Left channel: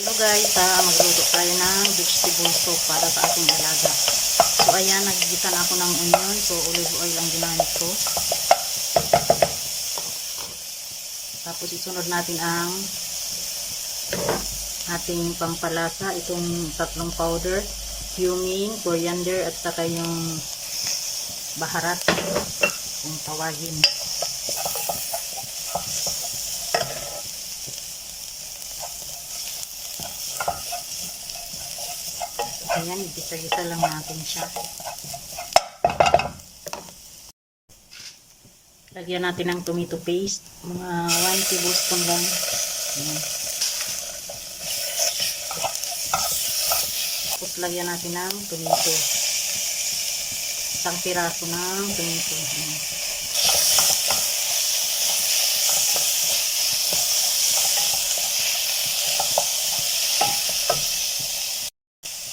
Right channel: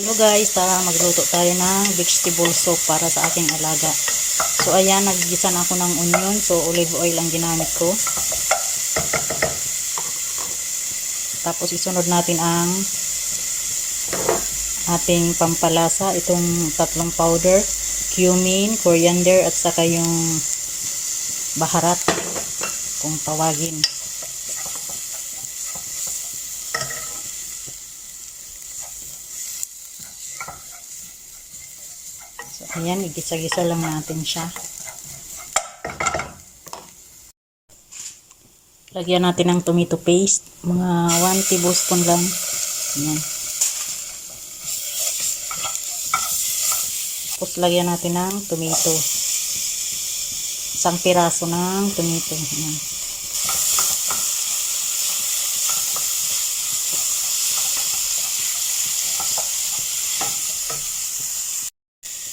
Hello guys, magluto tayo ng vegetable soup para sa aking alaga. So ayan, nagigisa na ako ng onion. So olive oil ang ginamit ko. Tapos isunod natin ang ating pampalasa. Itong tatlong powder, cumin, coriander at saka yung baharat kung tawagin. Ayan, igisa-gisa lang natin siya. Lagyan natin ng tomato paste. Mga 1 tablespoon lang. Ayan. Tapos lagyan natin ng tomato. Isang piraso ng tomato. Ayan.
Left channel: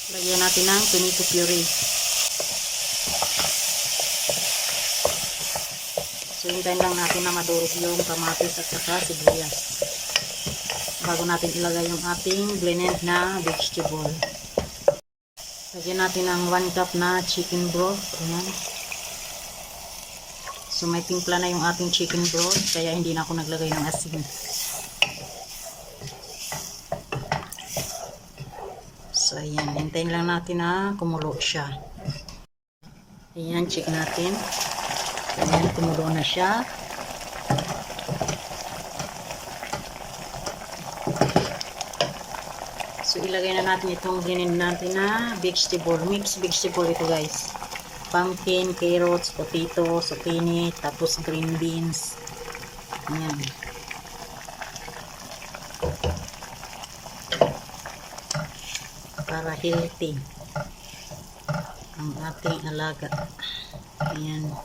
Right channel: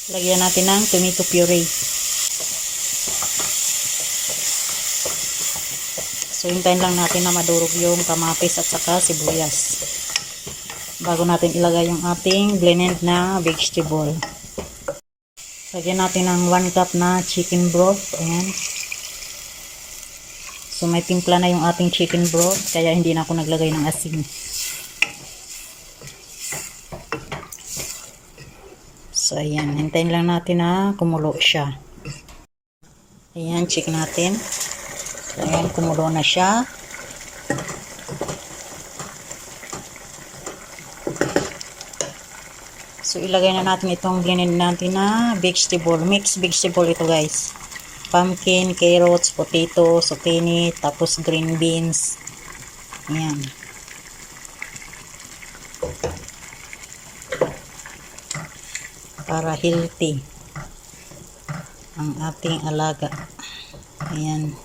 Lagyan natin ng tomato puree. So, hintayin lang natin na madurog yung kamatis at saka sibuyas bago natin ilagay yung ating blended na vegetable. Lagyan natin ng 1 cup na chicken broth. Ayan. So, may timpla na yung ating chicken broth kaya hindi na ako naglagay ng asin. So, ayan. Hintayin lang natin na kumulo siya. Ayan, check natin. Ayan, kumulo na siya. So, ilagay na natin itong blended natin na vegetable. Mixed vegetable ito guys. Pumpkin, carrots, potato, zucchini, tapos green beans. Ayan. Para healthy ang ating alaga. Ayan.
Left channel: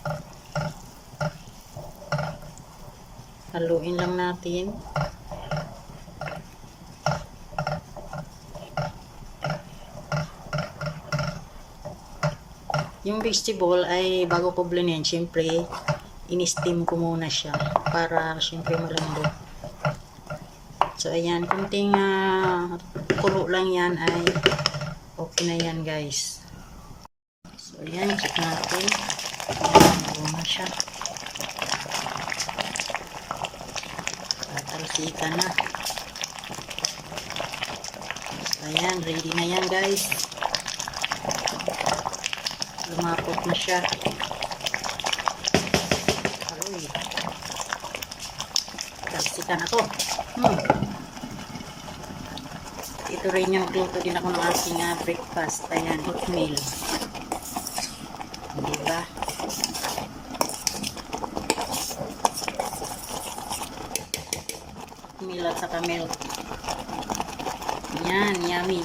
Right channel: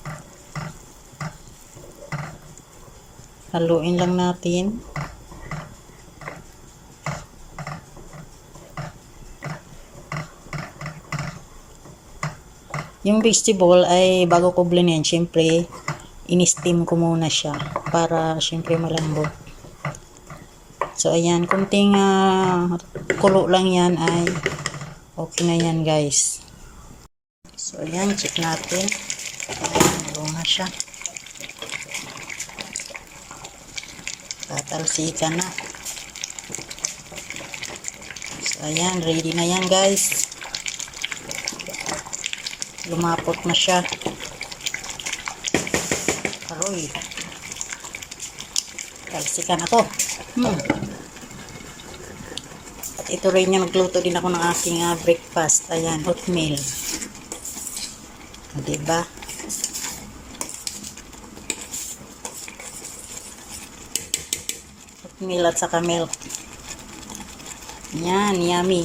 Haluin lang natin. Yung vegetable ay bago ko blendin, syempre in-steam ko muna siya para syempre malambot. So ayan, kunting kulo lang yan ay okay na yan guys. So ayan, check natin. Ayan, na siya. Tatalsikan na. So ayan, ready na yan guys. Lumapot na siya. Aroy. Talsikan na to. Ito rin yung nagluto din ako ng aking breakfast. Ayan, oatmeal. Diba? Oatmeal at saka milk. Ayan, yummy.